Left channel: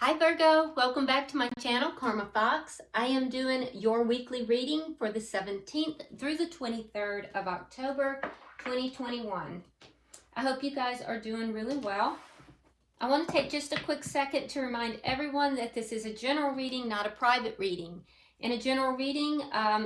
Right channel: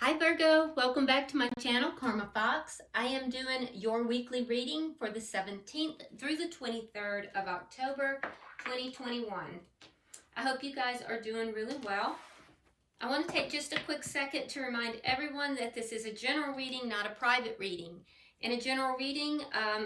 Hi Virgo, welcome back to my channel, Karma Fox. I am doing your weekly reading for the 17th through the 23rd of October, 2021. I hope you guys are doing really well. I want to take just a quick second to remind everyone that this is a general reading, not a private reading. In a general reading,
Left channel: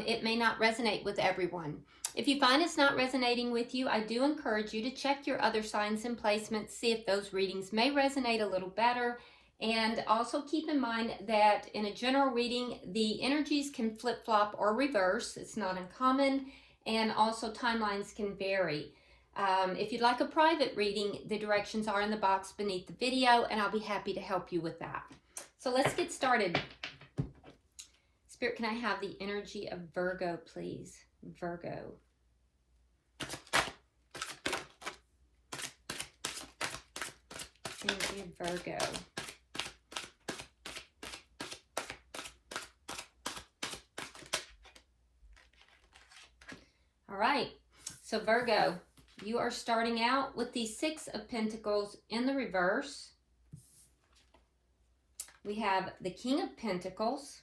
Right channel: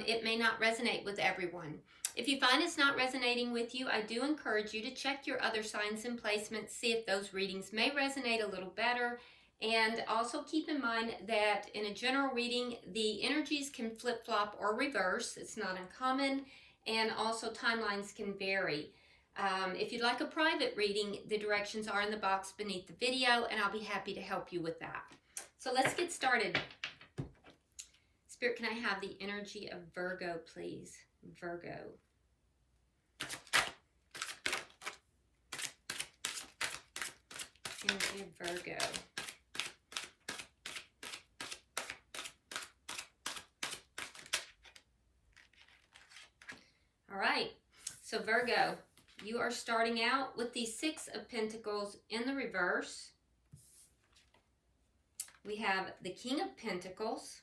it may not resonate with everyone. If you find it's not resonating with you, I do encourage you to check your other signs and placements, see if those readings may resonate a little better. And also keep in mind that in a general reading, the energies can flip-flop or reverse. It's not uncommon. And also timelines can vary. If you'd like a private reading, the directions are in the box beneath the video, and I'll be happy to help you with that. So let's get started. Spirit, can I have the energy of Virgo, please? Virgo. Energy of Virgo. All right, so Virgo, you are starting out with the Six of Pentacles in the reverse. We have the King of Pentacles,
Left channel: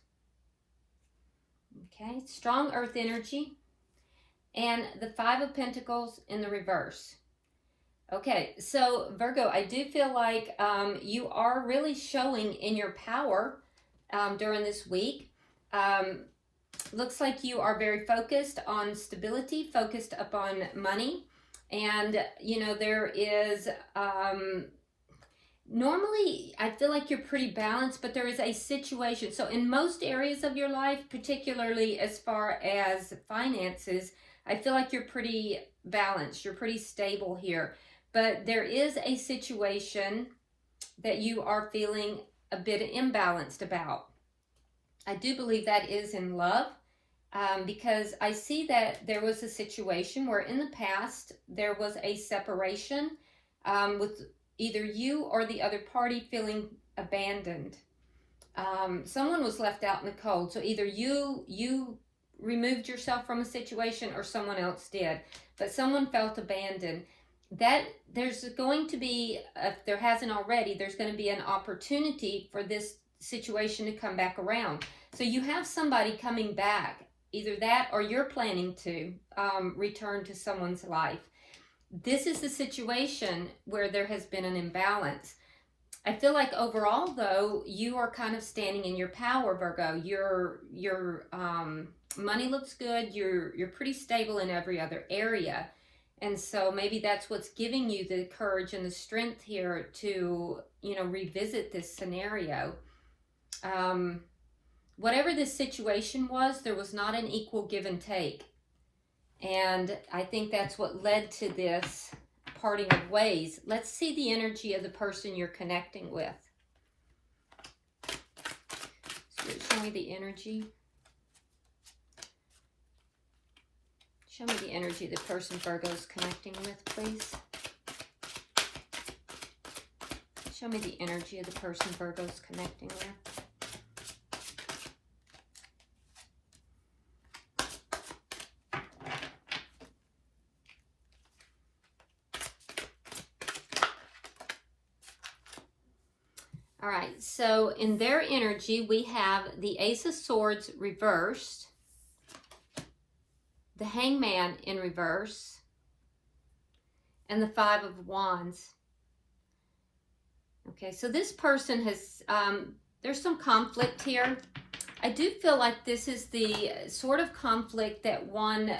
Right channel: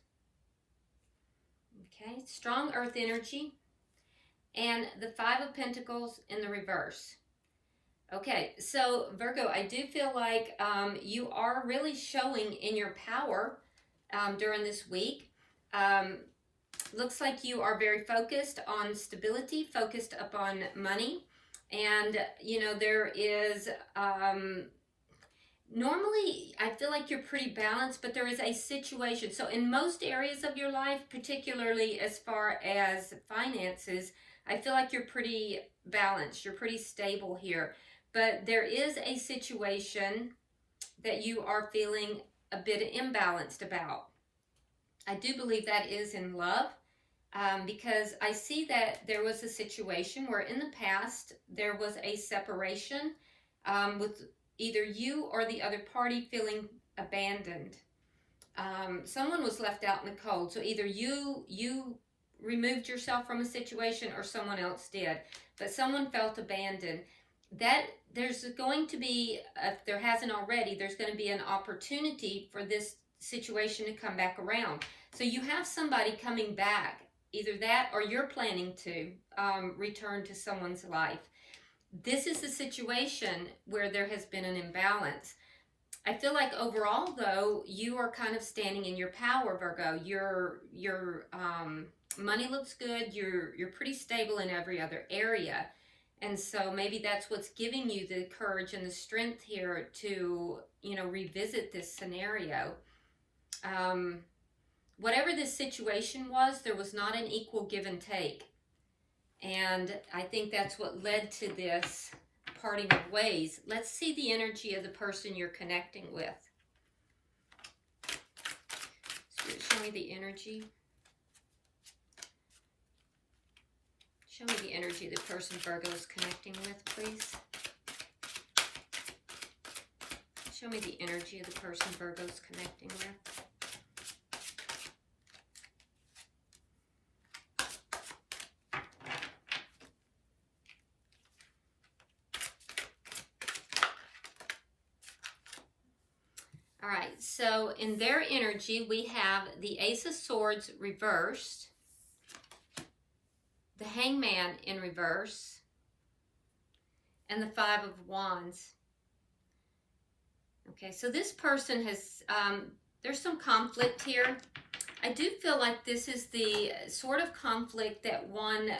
okay, strong earth energy, and the Five of Pentacles in the reverse. Okay, so Virgo, I do feel like you are really showing in your power during this week. Looks like you are very focused on stability, focused upon money. And, you know, there is, normally I feel like you're pretty balanced, but there is a situation. So in most areas of your life, particularly as far as finances, I feel like you're pretty balanced. You're pretty stable here. But there is a situation that you are feeling a bit imbalanced about. I do believe that is in love, because I see that there was a situation where in the past there was a separation with either you or the other party feeling abandoned. Someone was left out in the cold. So either you removed yourself from a situation or someone else did. But someone felt abandoned. That there's going to be, if there hasn't already, there's going to be an opportunity for this situation to come back around. So you have somebody coming back, either that or you're planning to return to someone's life. This is the situation where there has been an imbalance. I feel like overall, though, you are kind of standing in your power, Virgo. Your money looks good. You're pretty stable in every other area. And so maybe that's what's giving you the courage and the strength here to, you know, revisit this scenario. Whatever this situation was, there was not an equal give and take. And I think that's what led to this parting of ways. Let's see the energy of the person you're connecting with. Spirit, show me the energy. Show me the energy of the person Virgo's connecting with, please. Show me the energy of the person Virgo's connecting with. All right, so in their energy, we have the Ace of Swords reversed, the Hangman in reverse, and the Five of Wands. Okay, so this person has, there's some conflict here. I do feel like this is the sort of conflict that one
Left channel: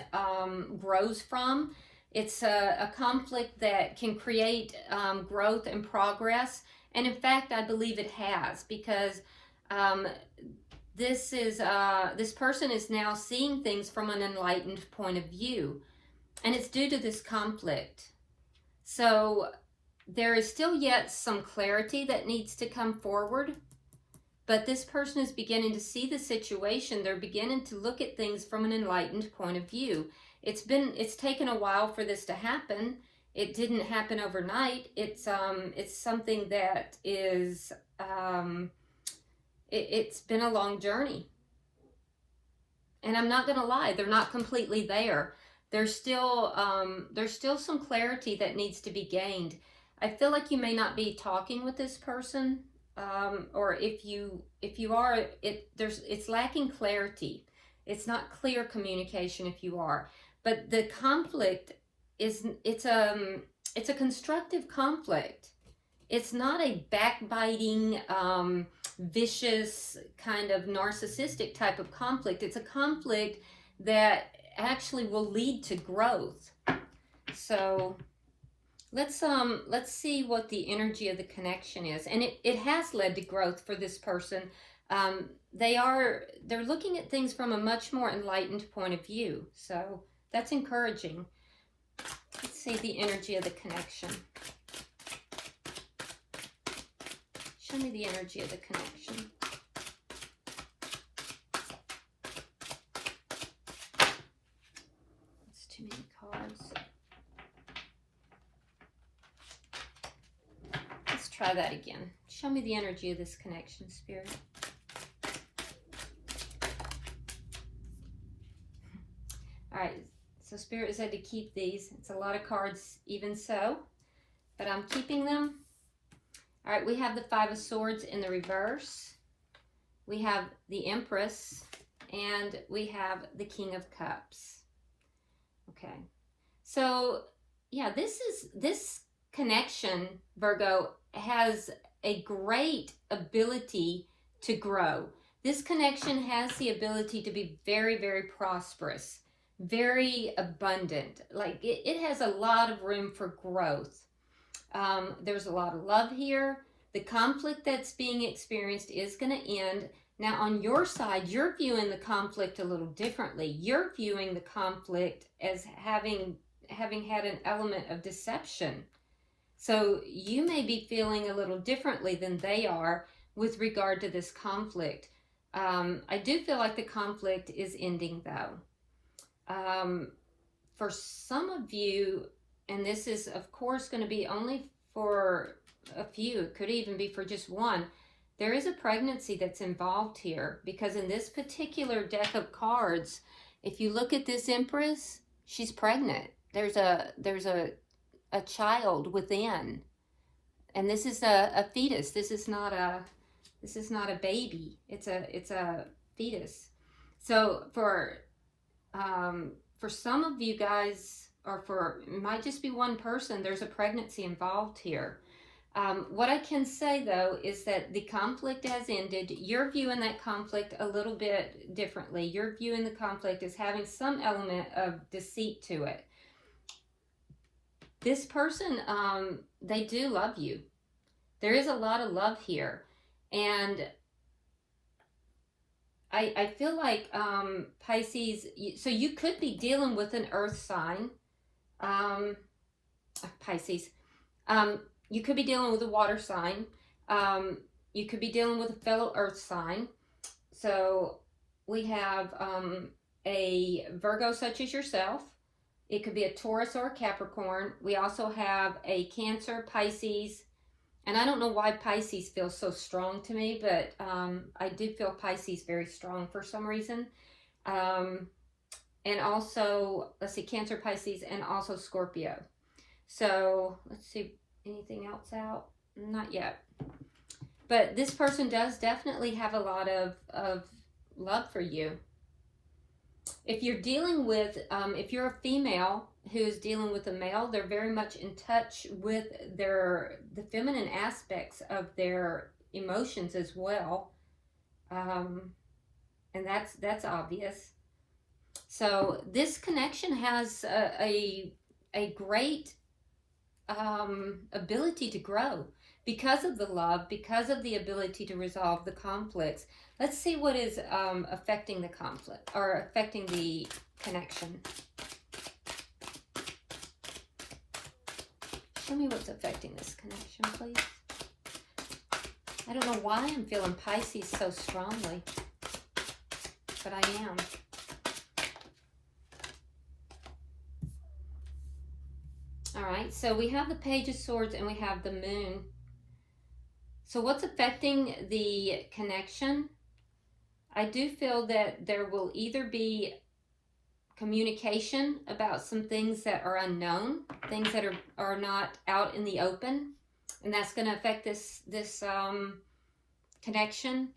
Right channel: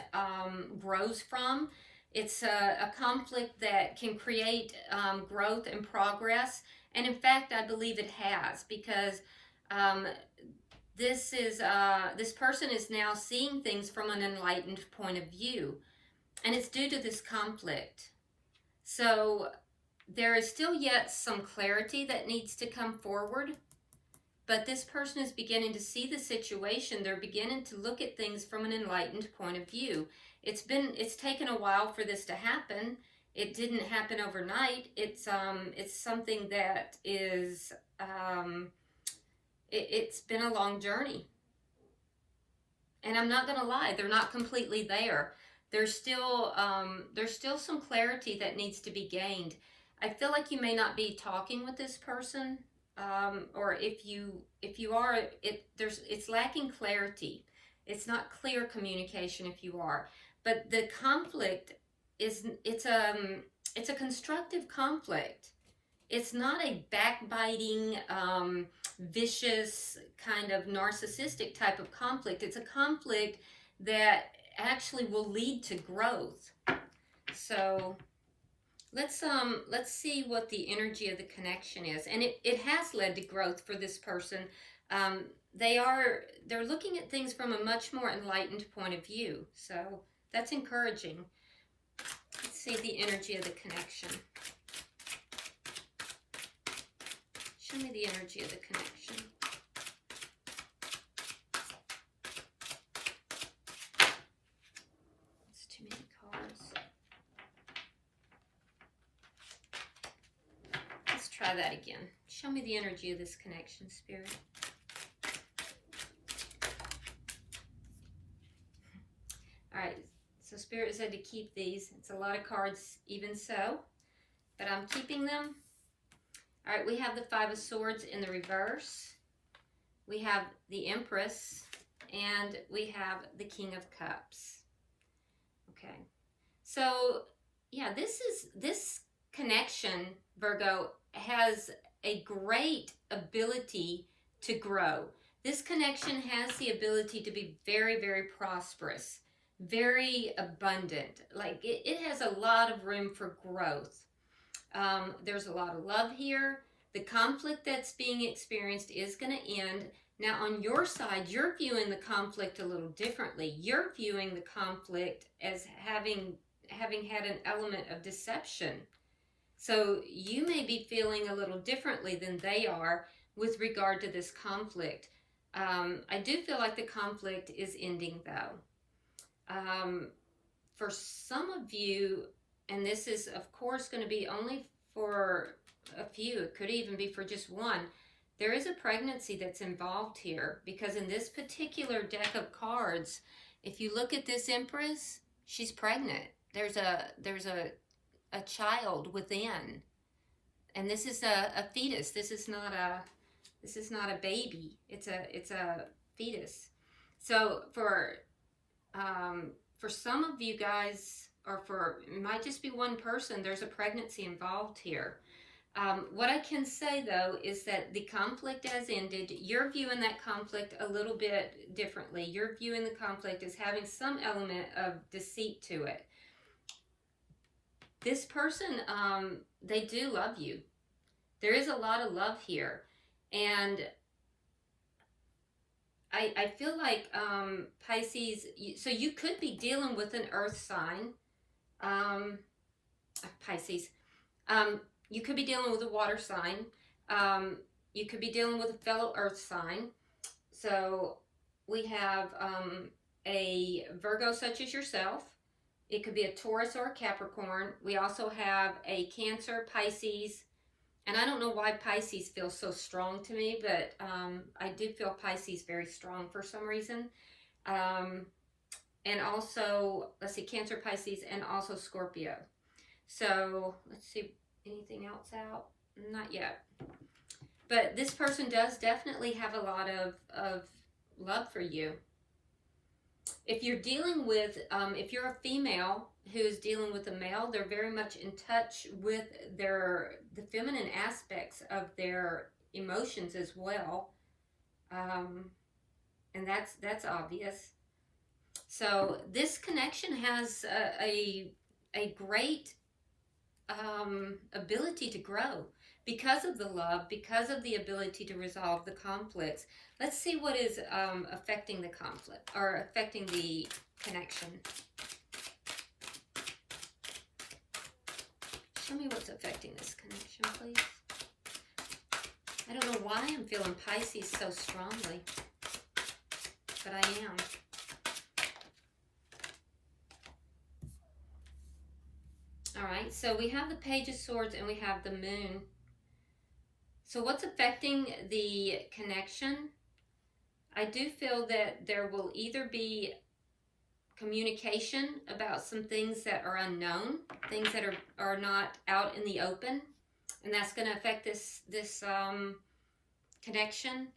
grows from. It's a conflict that can create growth and progress. And in fact, I believe it has, because this person is now seeing things from an enlightened point of view. And it's due to this conflict. So there is still yet some clarity that needs to come forward. But this person is beginning to see the situation. They're beginning to look at things from an enlightened point of view. It's taken a while for this to happen. It didn't happen overnight. It's something that is, it's been a long journey. And I'm not going to lie, they're not completely there. There's still some clarity that needs to be gained. I feel like you may not be talking with this person or if you are, it's lacking clarity. It's not clear communication if you are. But the conflict it's a constructive conflict. It's not a backbiting, vicious, kind of narcissistic type of conflict. It's a conflict that actually will lead to growth. So let's see what the energy of the connection is. And it has led to growth for this person. They're looking at things from a much more enlightened point of view. So that's encouraging. Let's see the energy of the connection. Show me the energy of the connection. That's too many cards. Let's try that again. Show me the energy of this connection, Spirit. All right, so Spirit said to keep these. It's a lot of cards even so, but I'm keeping them. All right, we have the Five of Swords in the reverse. We have the Empress, and we have the King of Cups. Okay, so yeah, this connection, Virgo, has a great ability to grow. This connection has the ability to be very, very prosperous, very abundant. Like it has a lot of room for growth. There's a lot of love here. The conflict that's being experienced is going to end. Now on your side, you're viewing the conflict a little differently. You're viewing the conflict as having had an element of deception. So you may be feeling a little differently than they are with regard to this conflict. I do feel like the conflict is ending though. For some of you, and this is, of course, going to be only for a few. It could even be for just one. There is a pregnancy that's involved here, because in this particular deck of cards, if you look at this Empress, she's pregnant. There's a child within, and this is a fetus. This is not a baby. It's a fetus. So for some of you guys, or it might just be one person, there's a pregnancy involved here. What I can say though is that the conflict has ended. You're viewing that conflict a little bit differently. You're viewing the conflict as having some element of deceit to it. This person, they do love you. There is a lot of love here. And I feel like Pisces, so you could be dealing with an earth sign. Pisces. You could be dealing with a water sign. You could be dealing with a fellow earth sign. So we have a Virgo such as yourself. It could be a Taurus or a Capricorn. We also have a Cancer, Pisces. And I don't know why Pisces feels so strong to me, but I do feel Pisces very strong for some reason. And also, let's see, Cancer, Pisces, and also Scorpio. So let's see, anything else out? Not yet. But this person does definitely have a lot of love for you. If you're dealing with, if you're a female who is dealing with a male, they're very much in touch with the feminine aspects of their emotions as well. And that's obvious. So this connection has a great ability to grow because of the love, because of the ability to resolve the conflicts. Let's see what is affecting the conflict, or affecting the connection. Show me what's affecting this connection, please. I don't know why I'm feeling Pisces so strongly, but I am. All right, so we have the Page of Swords and we have the Moon. So what's affecting the connection? I do feel that there will either be communication about some things that are unknown, things that are not out in the open, and that's going to affect this connection,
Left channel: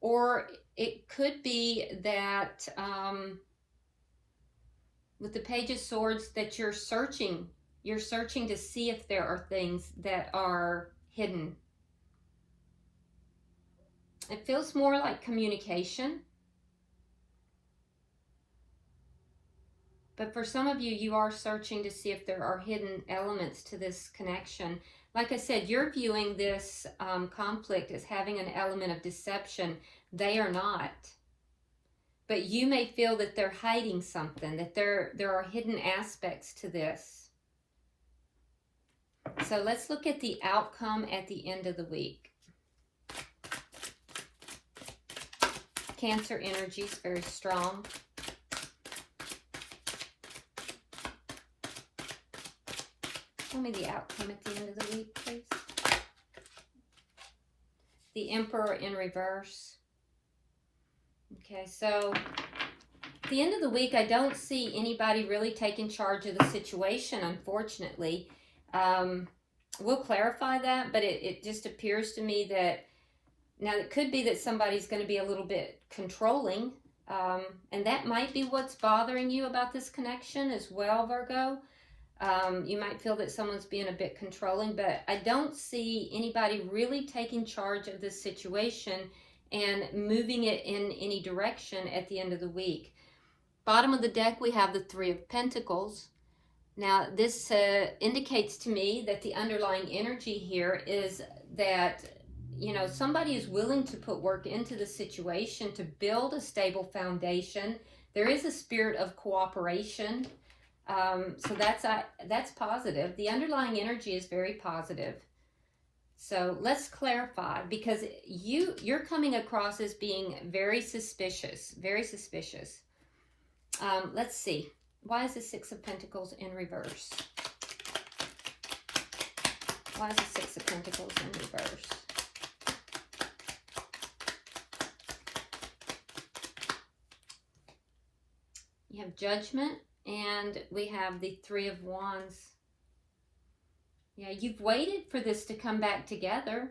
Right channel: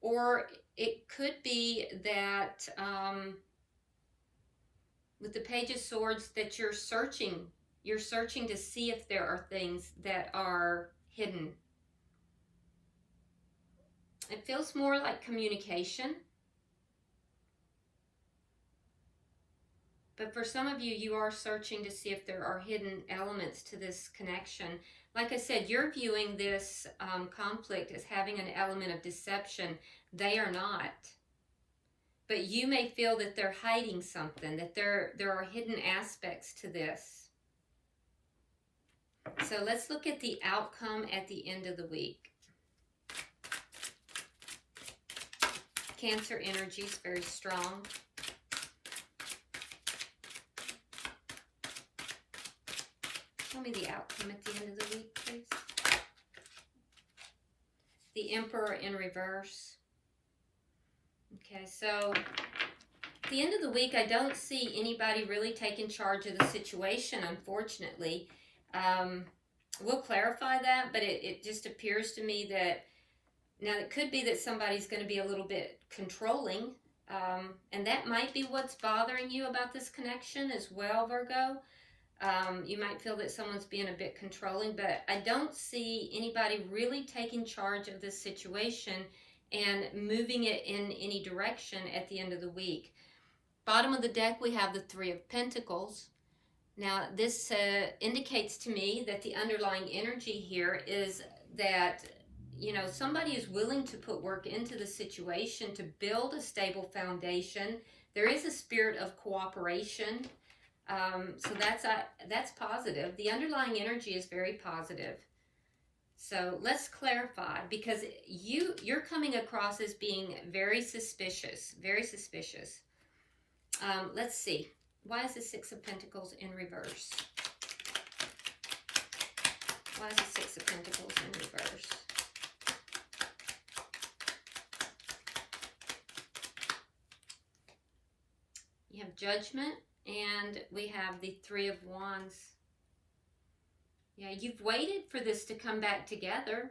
or it could be that with the Page of Swords that you're searching to see if there are things that are hidden. It feels more like communication. But for some of you, you are searching to see if there are hidden elements to this connection. Like I said, you're viewing this conflict as having an element of deception. They are not. But you may feel that they're hiding something, that there are hidden aspects to this. So let's look at the outcome at the end of the week. Cancer energy is very strong. Tell me the outcome at the end of the week, please. The Emperor in reverse. Okay, so at the end of the week, I don't see anybody really taking charge of the situation, unfortunately. We'll clarify that, but it just appears to me that, now it could be that somebody's going to be a little bit controlling, and that might be what's bothering you about this connection as well, Virgo. You might feel that someone's being a bit controlling, but I don't see anybody really taking charge of this situation and moving it in any direction at the end of the week. Bottom of the deck, we have the Three of Pentacles. Now, this indicates to me that the underlying energy here is that, you know, somebody is willing to put work into the situation to build a stable foundation. There is a spirit of cooperation. So that's positive. The underlying energy is very positive. So let's clarify, because you're coming across as being very suspicious, very suspicious. Let's see. Why is the Six of Pentacles in reverse? Why is the Six of Pentacles in reverse? You have Judgment. And we have the Three of Wands. Yeah, you've waited for this to come back together.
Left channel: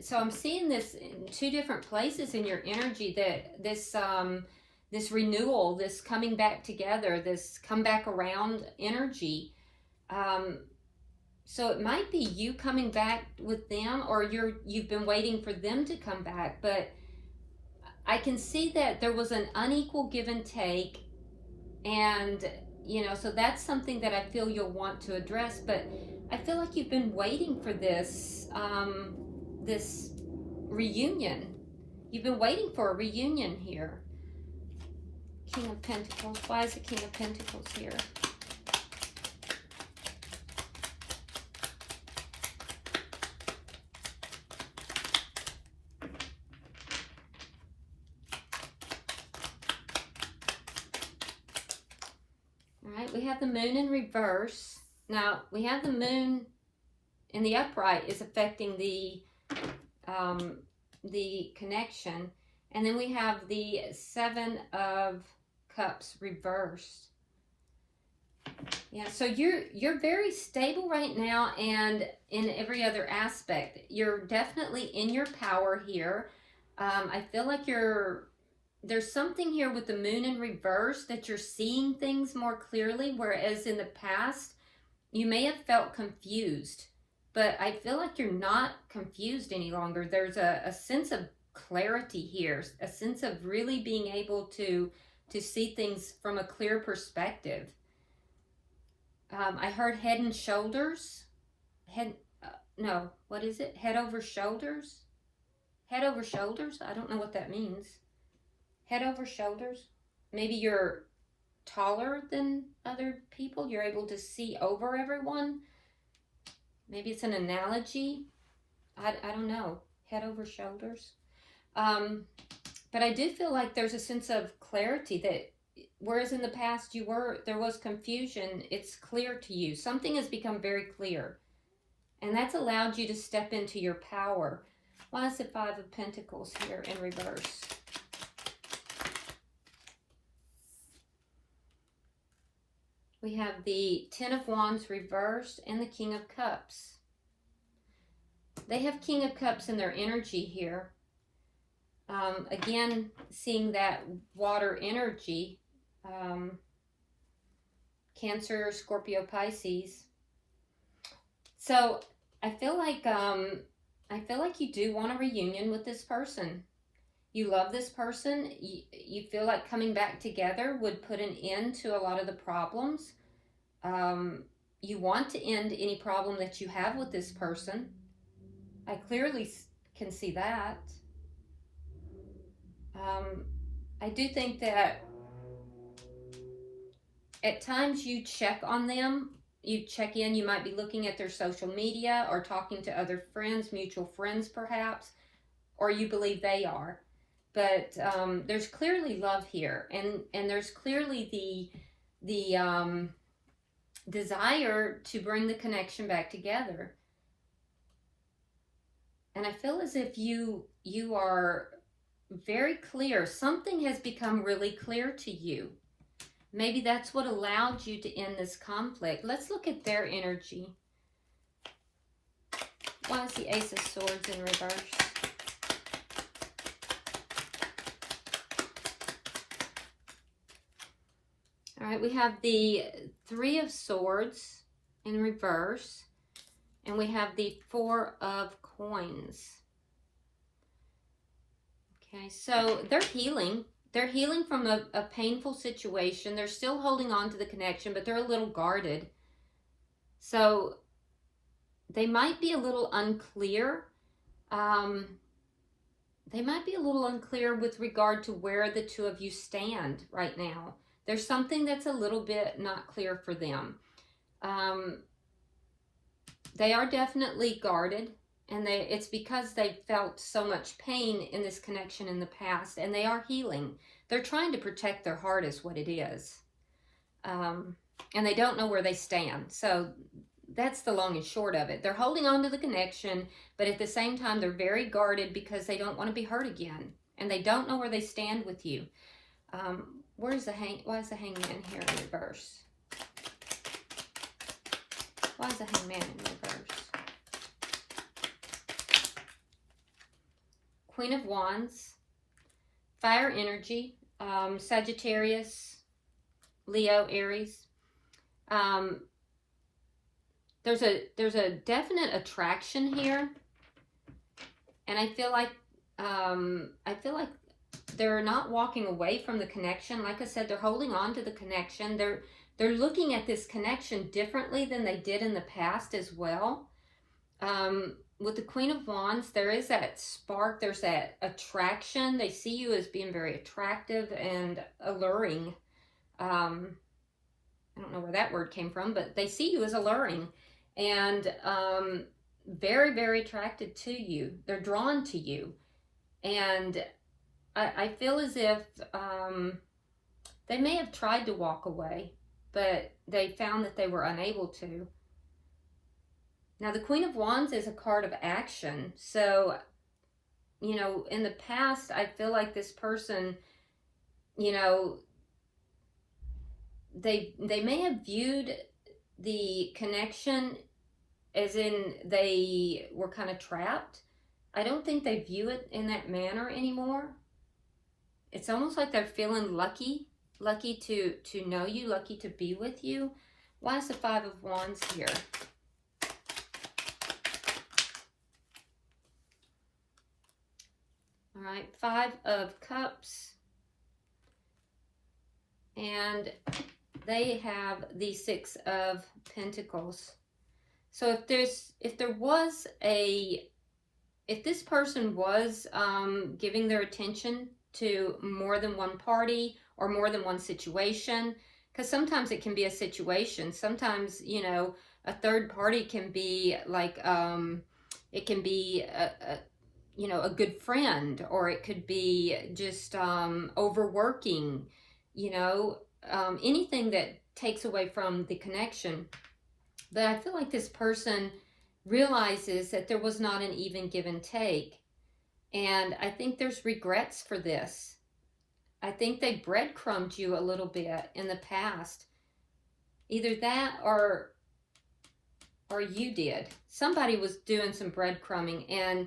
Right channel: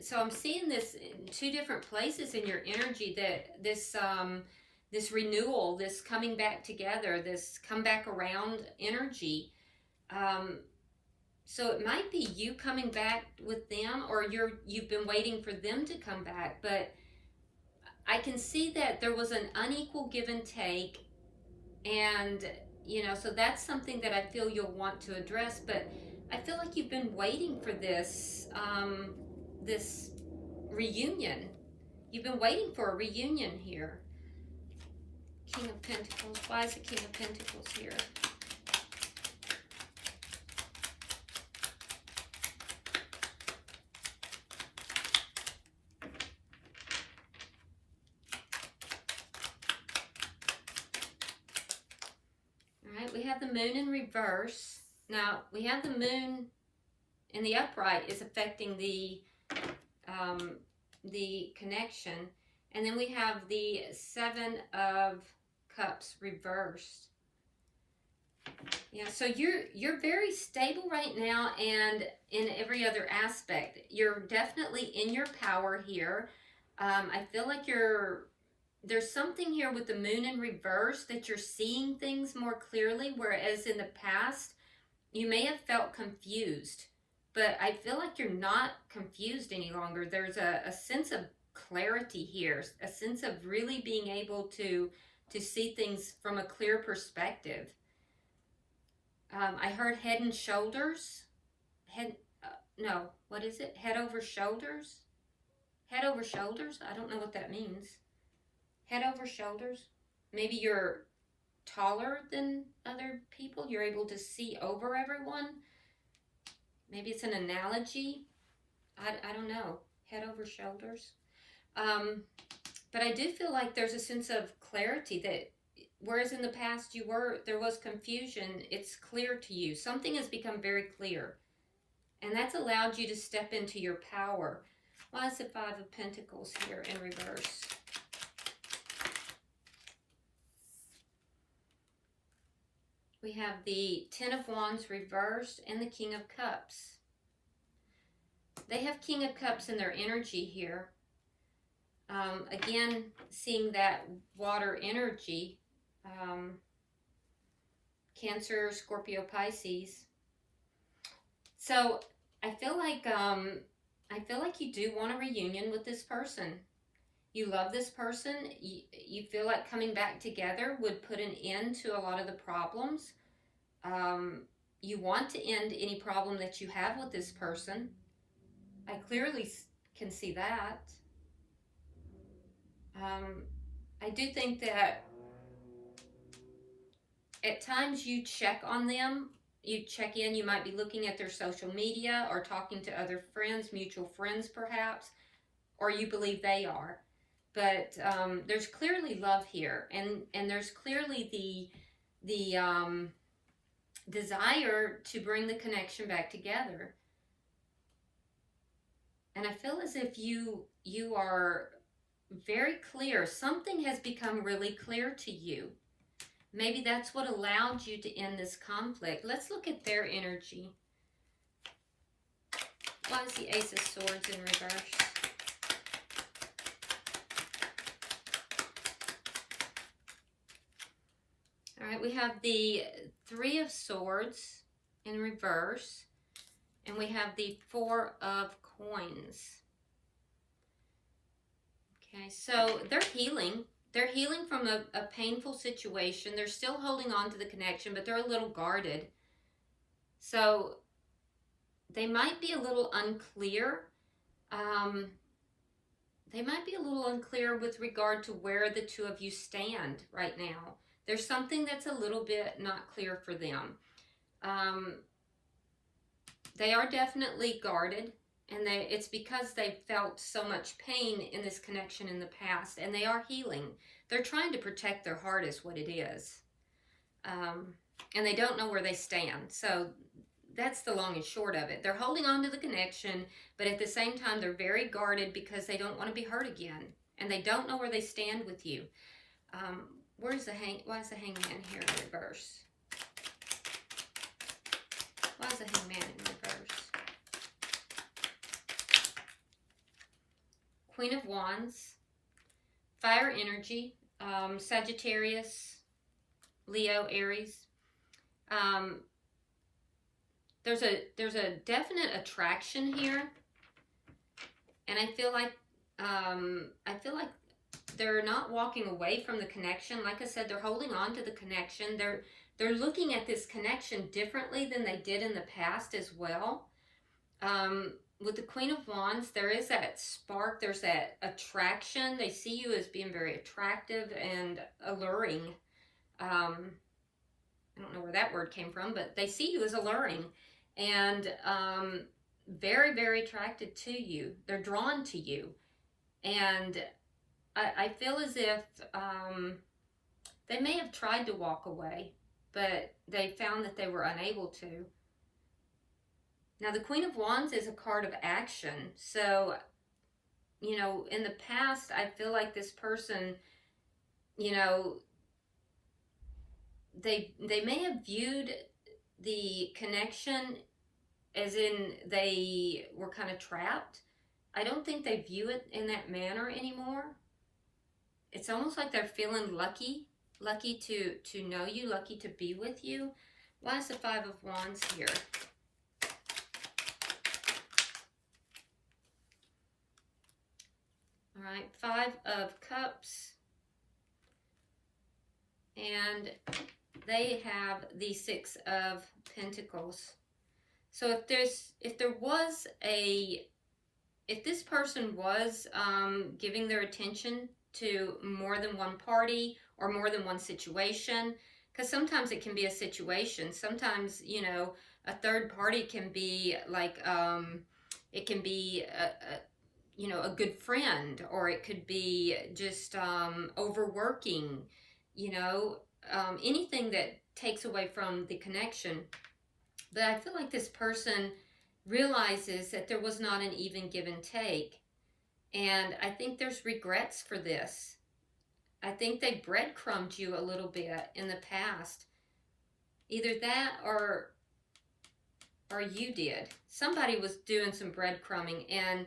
So I'm seeing this in two different places in your energy, that this renewal, this coming back together, this come back around energy. So it might be you coming back with them, or you've been waiting for them to come back. But I can see that there was an unequal give and take. And, you know, so that's something that I feel you'll want to address. But I feel like you've been waiting for this, this reunion. You've been waiting for a reunion here. King of Pentacles. Why is the King of Pentacles here? We have the Moon in reverse. Now, we have the Moon in the upright is affecting the connection. And then we have the Seven of Cups reversed. Yeah, so you're very stable right now, and in every other aspect. You're definitely in your power here. I feel like there's something here with the Moon in reverse, that you're seeing things more clearly, whereas in the past, you may have felt confused. But I feel like you're not confused any longer. There's a sense of clarity here, a sense of really being able to see things from a clear perspective. I heard head and shoulders. No, what is it? Head over shoulders? Head over shoulders? I don't know what that means. Head over shoulders. Maybe you're taller than other people. You're able to see over everyone. Maybe it's an analogy. I don't know. Head over shoulders. But I do feel like there's a sense of clarity, that whereas in the past there was confusion, it's clear to you. Something has become very clear. And that's allowed you to step into your power. Why is the Five of Pentacles here in reverse? We have the Ten of Wands reversed and the King of Cups. They have King of Cups in their energy here. Again, seeing that water energy. Cancer, Scorpio, Pisces. So I feel like you do want a reunion with this person. You love this person. You feel like coming back together would put an end to a lot of the problems. You want to end any problem that you have with this person. I clearly can see that. I do think that at times you check on them. You check in. You might be looking at their social media or talking to other friends, mutual friends perhaps, or you believe they are. But there's clearly love here, and there's clearly the desire to bring the connection back together. And I feel as if you are very clear. Something has become really clear to you. Maybe that's what allowed you to end this conflict. Let's look at their energy. Why is the Ace of Swords in reverse? All right, we have the Three of Swords in reverse, and we have the Four of Coins. Okay, so they're healing. They're healing from a painful situation. They're still holding on to the connection, but they're a little guarded. So they might be a little unclear. They might be a little unclear with regard to where the two of you stand right now. There's something that's a little bit not clear for them. They are definitely guarded, and it's because they felt so much pain in this connection in the past, and they are healing. They're trying to protect their heart is what it is. And they don't know where they stand. So that's the long and short of it. They're holding on to the connection, but at the same time, they're very guarded because they don't want to be hurt again. And they don't know where they stand with you. Why is the Hangman here in reverse? Why is the Hangman in reverse? Queen of Wands, fire energy, Sagittarius, Leo, Aries. There's a definite attraction here, and I feel like they're not walking away from the connection. Like I said, they're holding on to the connection. They're looking at this connection differently than they did in the past as well. With the Queen of Wands, there is that spark. There's that attraction. They see you as being very attractive and alluring. I don't know where that word came from, but they see you as alluring and very, very attracted to you. They're drawn to you. And I feel as if they may have tried to walk away, but they found that they were unable to. Now, the Queen of Wands is a card of action. So, you know, in the past, I feel like this person, you know, they may have viewed the connection as in they were kind of trapped. I don't think they view it in that manner anymore. It's almost like they're feeling lucky to know you, lucky to be with you. Why is the Five of Wands here? All right, Five of Cups. And they have the Six of Pentacles. So if this person was giving their attention to more than one party or more than one situation, because sometimes it can be a situation. Sometimes, you know, a third party can be like, it can be a good friend, or it could be just overworking, you know, anything that takes away from the connection. But I feel like this person realizes that there was not an even give and take. And I think there's regrets for this. I think they breadcrumbed you a little bit in the past. Either that, or or you did. Somebody was doing some breadcrumbing, and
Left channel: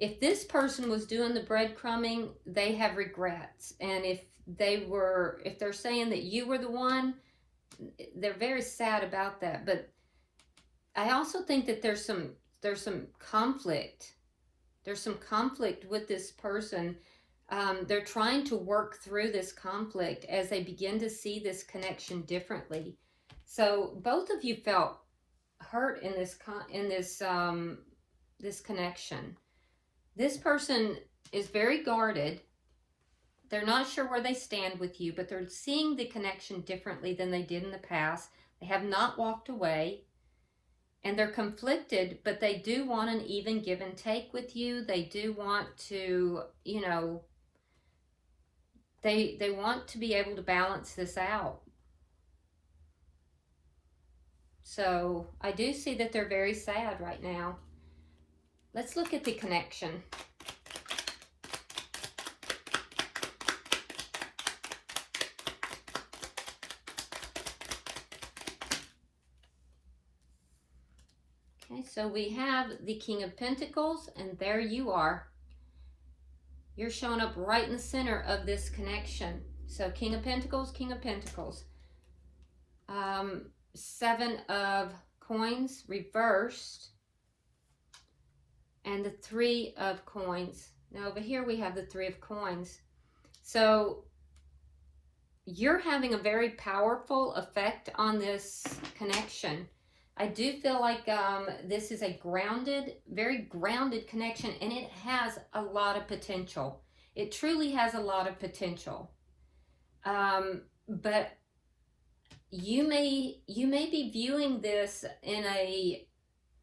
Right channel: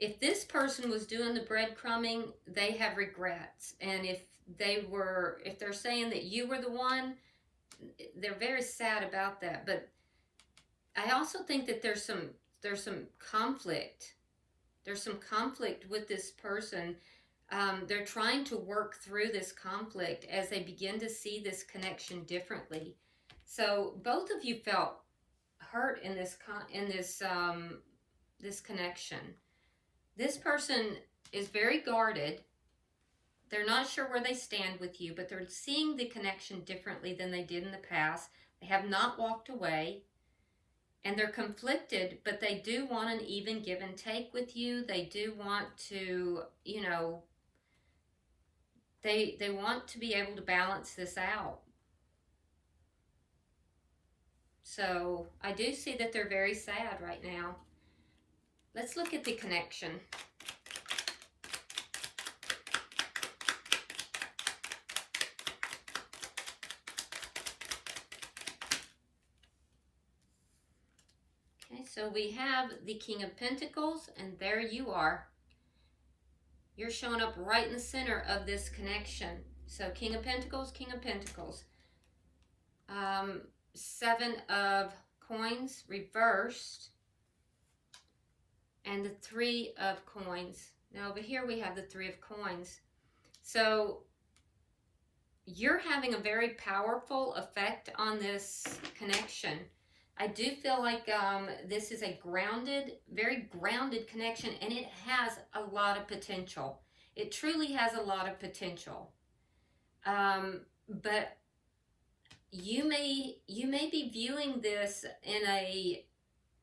if this person was doing the breadcrumbing, they have regrets. And if they're saying that you were the one, they're very sad about that. But I also think that there's some conflict. There's some conflict with this person. They're trying to work through this conflict as they begin to see this connection differently. So both of you felt hurt in this this connection. This person is very guarded. They're not sure where they stand with you, but they're seeing the connection differently than they did in the past. They have not walked away, and they're conflicted, but they do want an even give and take with you. They do want to, you know, they want to be able to balance this out. So I do see that they're very sad right now. Let's look at the connection. Okay, so we have the King of Pentacles, and there you are. You're showing up right in the center of this connection. So King of Pentacles, King of Pentacles. Seven of Coins reversed, and the Three of Coins. Now over here we have the Three of Coins. So you're having a very powerful effect on this connection. I do feel like this is a very grounded connection, and it has a lot of potential. It truly has a lot of potential. But you may be viewing this in a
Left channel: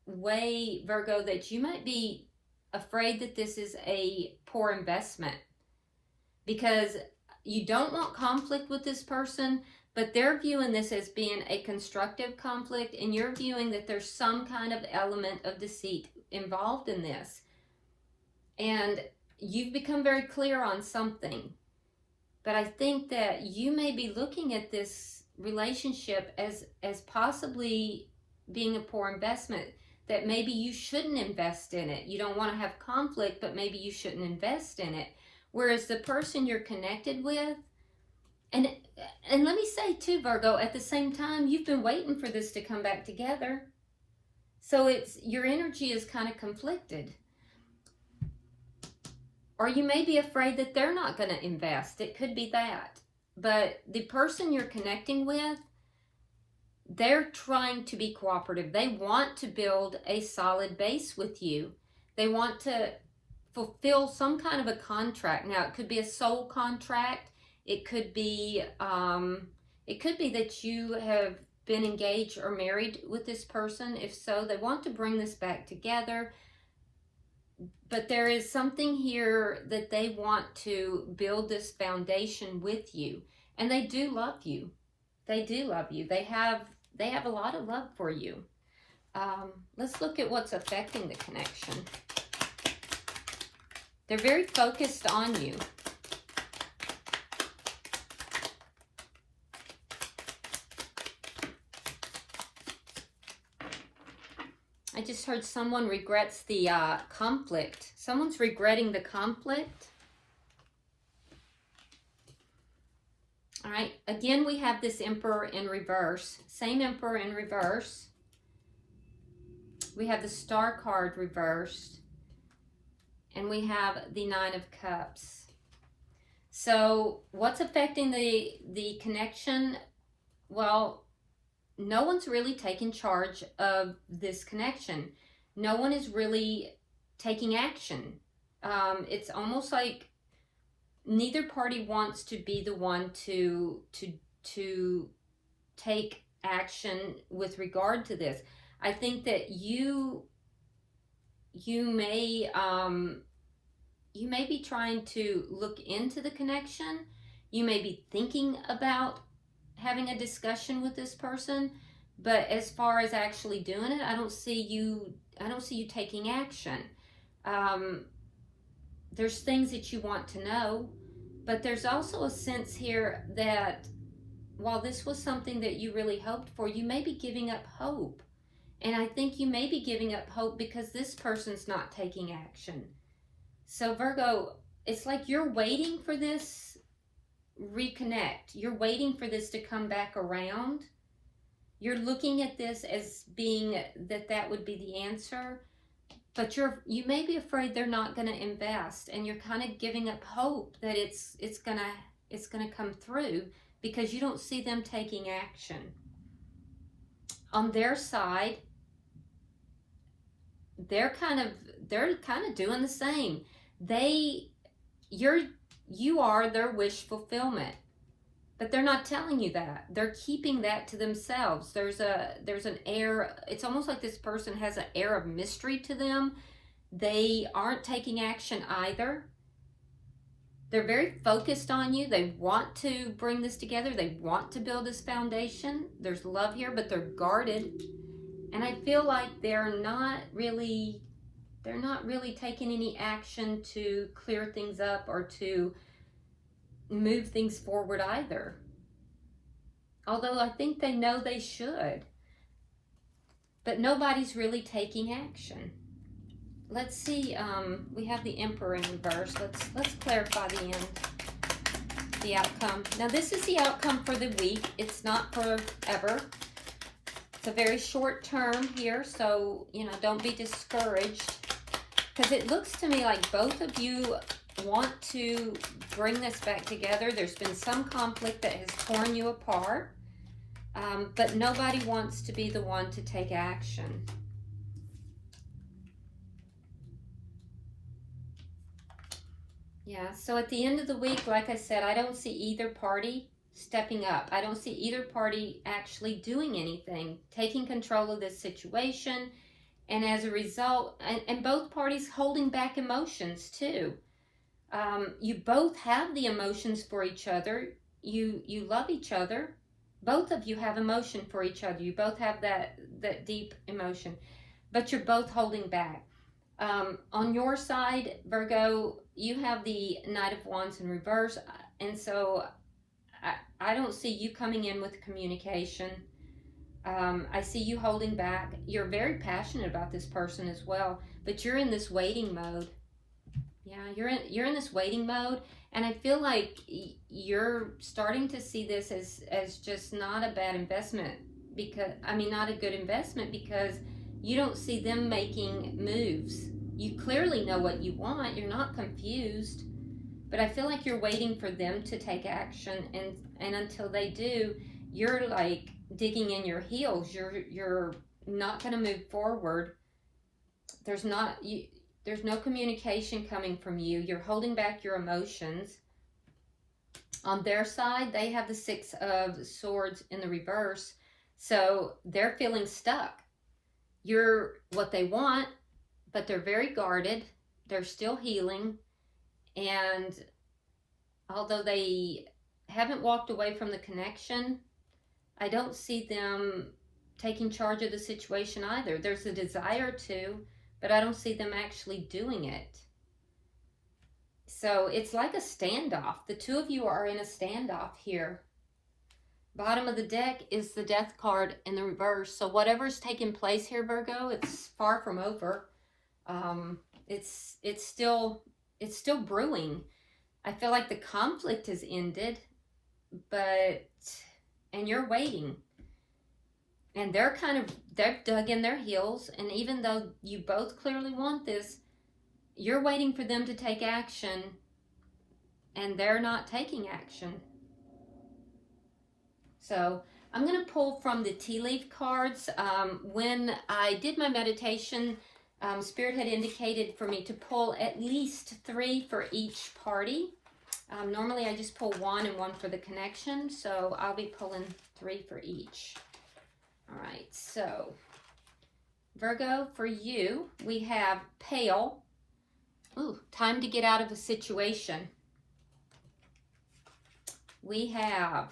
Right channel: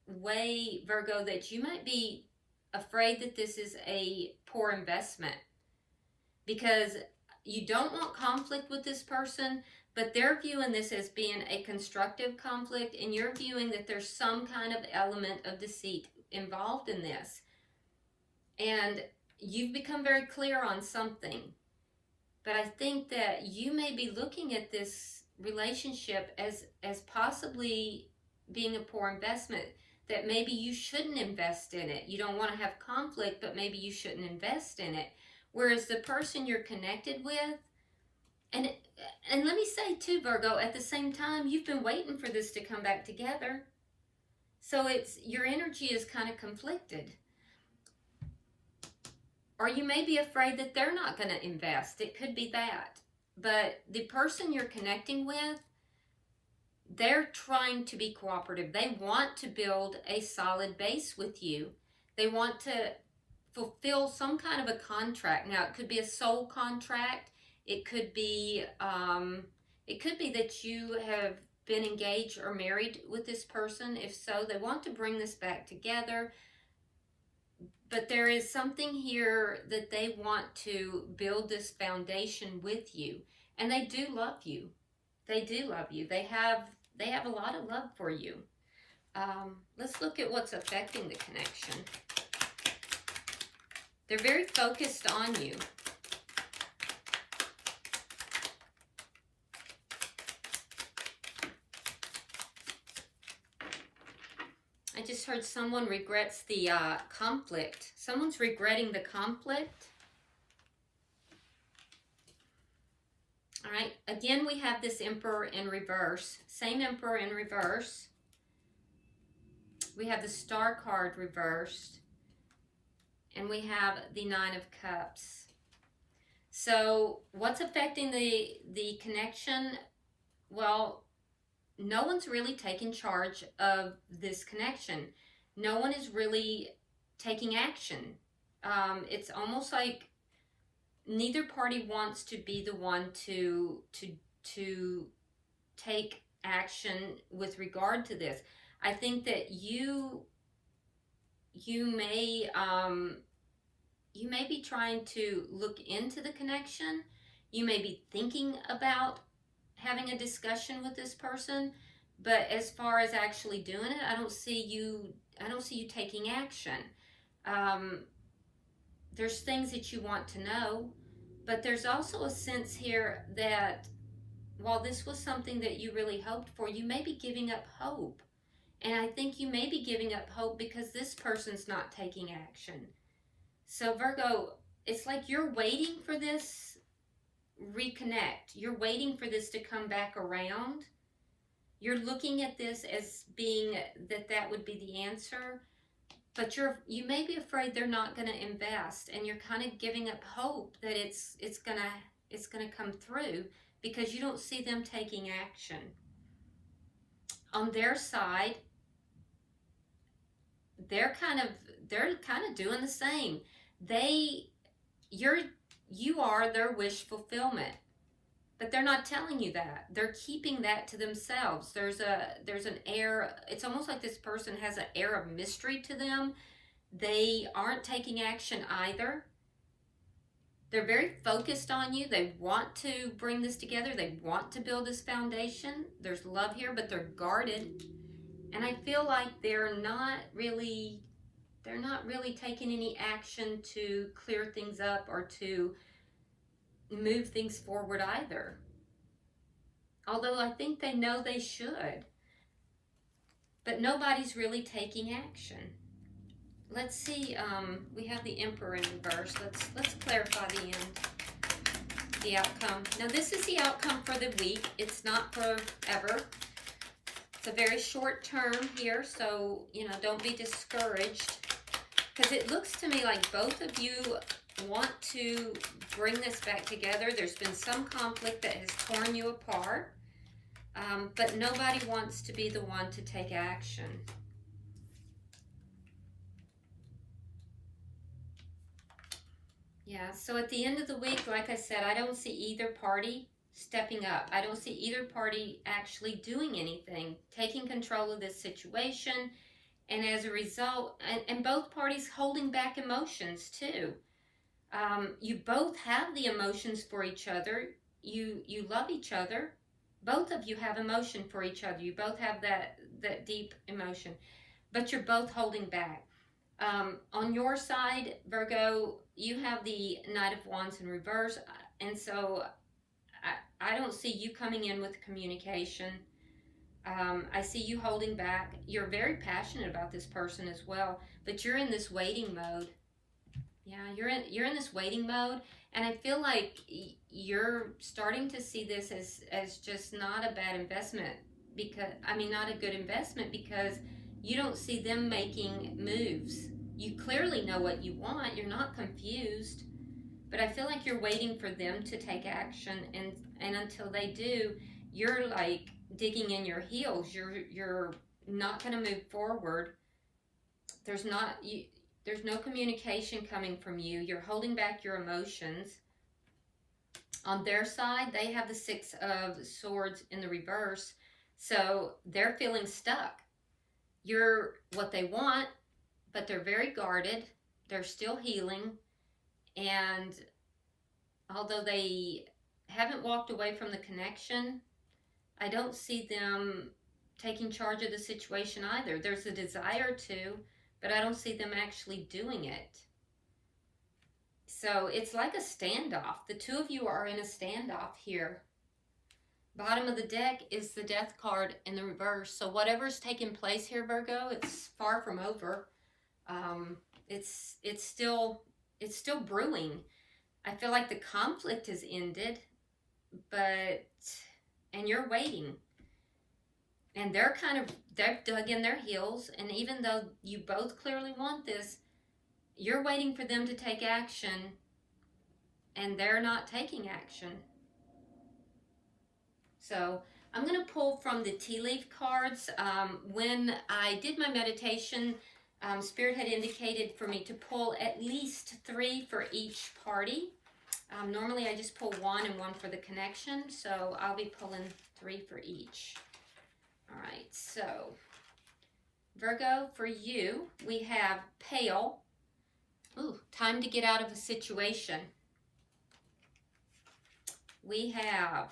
way, Virgo, that you might be afraid that this is a poor investment, because you don't want conflict with this person, but they're viewing this as being a constructive conflict, and you're viewing that there's some kind of element of deceit involved in this. And you've become very clear on something. But I think that you may be looking at this relationship as possibly being a poor investment, that maybe you shouldn't invest in it. You don't want to have conflict, but maybe you shouldn't invest in it. Whereas the person you're connected with, and let me say too, Virgo, at the same time, you've been waiting for this to come back together. So your energy is kind of conflicted. Or you may be afraid that they're not going to invest. It could be that. But the person you're connecting with, they're trying to be cooperative. They want to build a solid base with you. They want to fulfill some kind of a contract. Now, it could be a soul contract. It could be that you have been engaged or married with this person. If so, they want to bring this back together. But there is something here that they want to build this foundation with you. And they do love you. They do love you. They have a lot of love for you. Let's look at what's affecting the connection. They're very focused on you. I just heard someone regrets the conflict. Someone's regretting the conflict. All right, again, we have this Emperor in reverse. Same Emperor in reverse. We have the Star card reversed. And we have the Nine of Cups. So what's affecting the connection? Well, no one's really taking charge of this connection. No one is really taking action. It's almost like neither party wants to be the one to take action with regard to this. I think that you may be trying to look into the connection. You may be thinking about having a discussion with this person, but as far as actually doing it, I don't see you taking action. There's things that you want to know, but there's also a sense here that while this was something that you really hoped for, you may be giving up hope. And I think you may be giving up hope because this person's not taking action. So Virgo, it's like you're waiting for this reconnect. You're waiting for this to come back around. You're looking at this as being that would be the answer. But you may be afraid they're not going to invest, and you're kind of giving up hope that it's gonna come through because you don't see them taking action. On their side, they're kind of doing the same. You are their wish fulfillment, but they're not telling you that. They're keeping that to themselves. There's an air, it's almost like this person has an air of mystery to them. They aren't taking action either. They're very focused on you. They want to bring this together. They want to build this foundation. There's love here, but they're guarded. And I feel like they're not really taking any action to clear things up or to move things forward either. Although I think they know they should. But nobody's really taking action. Let's see, we have the Emperor in reverse. Let's clarify the outcome. Now this is the outcome for the week. It's not forever. It's a very short term here, so, don't be discouraged. Because it looks to me like both of you want to bring this back together. There's been some conflict that has torn you apart, but nobody wants to be the one to take action. Yeah, so at the end of the week, like I said, I don't see either party stepping up. I don't see either party actually doing anything, taking control of this situation, and as a result, and both parties holding back emotions too. You both have the emotions for each other. You love each other. Both of you have emotion for each other. You both have that deep emotion, but you're both holding back. On your side, Virgo, you have the Knight of Wands in reverse, and so I don't see you coming in with communication. I see you holding back. You're very passionate about this person as well, but you're in this waiting mode. Yeah, you're in this waiting mode, and I feel like you're starting to see this as just not a bad investment, not a good investment, because you don't see them making moves. You clearly know what you want. You're not confused, but I feel like you're waiting for them to take action, and until they do, you're like digging in your heels. You're not going to move forward. There's no communication coming from you. You're holding back your emotions. On their side, they have the Six of Swords in the reverse, so they're feeling stuck. You're what they want, but they're very guarded. They're still healing, and although they haven't walked away from the connection, I don't see them taking charge of the situation either. There's a desire to, but I don't see them actually doing it. So it's like a standoff. The two of you are in a standoff here. Bottom of the deck is the Death card in the reverse. So whatever's taking place here, Virgo, it's far from over. It's still brewing. I feel like the conflict has ended, and you're waiting. And they've dug in their heels, and even though you both clearly want this, you're waiting for them to take action, and they're not taking action. So I'm going to pull from the tea leaf cards. When I did my meditation, Spirit had indicated for me to pull at least 3 for each party. Normally I just pull 1 and 1 for the connection, so I'll be pulling 3 for each. All right, so Virgo, for you, we have Pale. Ooh, time to get out of a situation. We have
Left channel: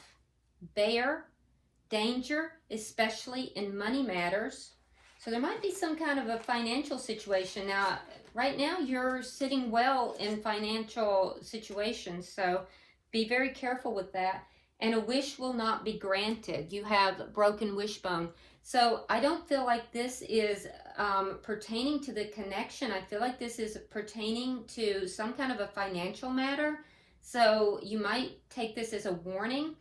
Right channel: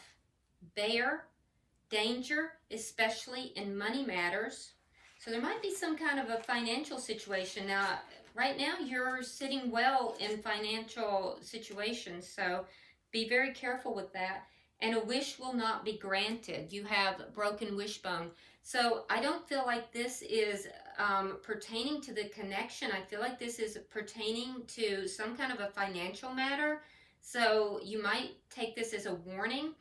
Bear, danger, especially in money matters. So there might be some kind of a financial situation. Now, right now you're sitting well in financial situations, so be very careful with that. And a wish will not be granted. You have broken wishbone. So I don't feel like this is pertaining to the connection. I feel like this is pertaining to some kind of a financial matter. So you might take this as a warning.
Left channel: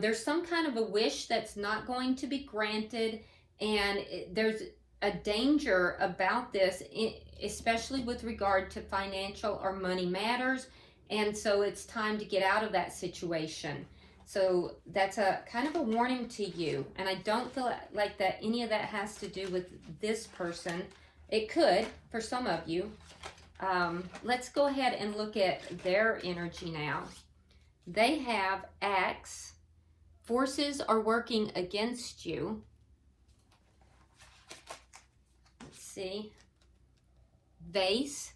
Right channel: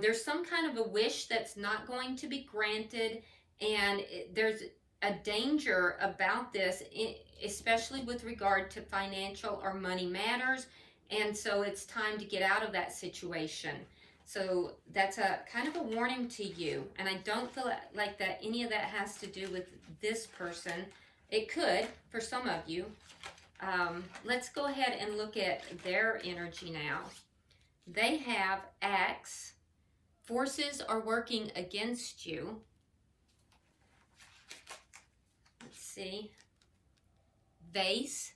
There's some kind of a wish that's not going to be granted, and there's a danger about this, especially with regard to financial or money matters. And so it's time to get out of that situation. So that's a kind of a warning to you. And I don't feel like that any of that has to do with this person. It could for some of you. Let's go ahead and look at their energy now. They have Axe. Forces are working against you. Let's see. Vase.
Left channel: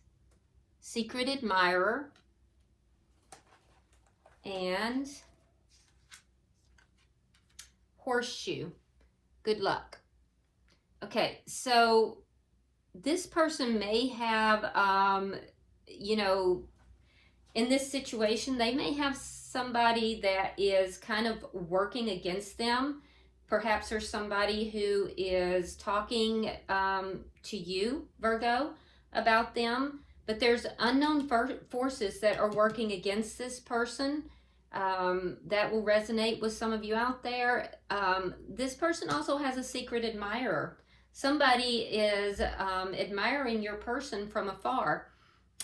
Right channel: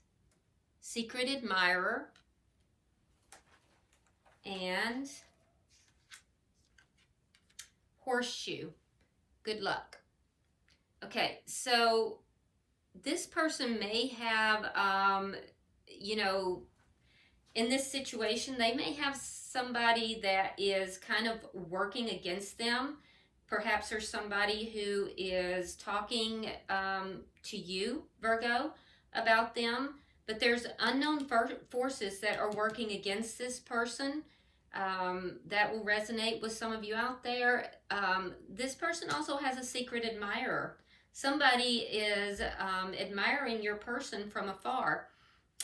Secret admirer. And Horseshoe. Good luck. Okay, so this person may have, you know, in this situation, they may have somebody that is kind of working against them. Perhaps there's somebody who is talking to you, Virgo, about them. But there's unknown forces that are working against this person. That will resonate with some of you out there. This person also has a secret admirer. Somebody is admiring your person from afar,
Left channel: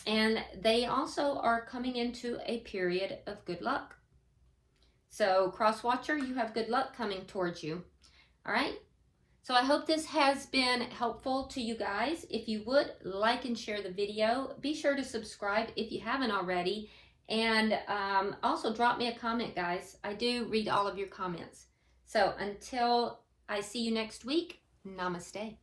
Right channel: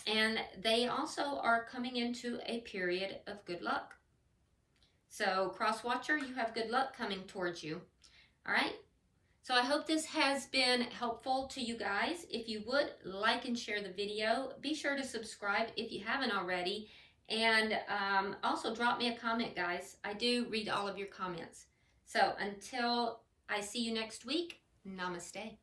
and they also are coming into a period of good luck. So cross watcher, you have good luck coming towards you. All right. So I hope this has been helpful to you guys. If you would like and share the video, be sure to subscribe if you haven't already. And also drop me a comment, guys. I do read all of your comments. So until I see you next week, namaste.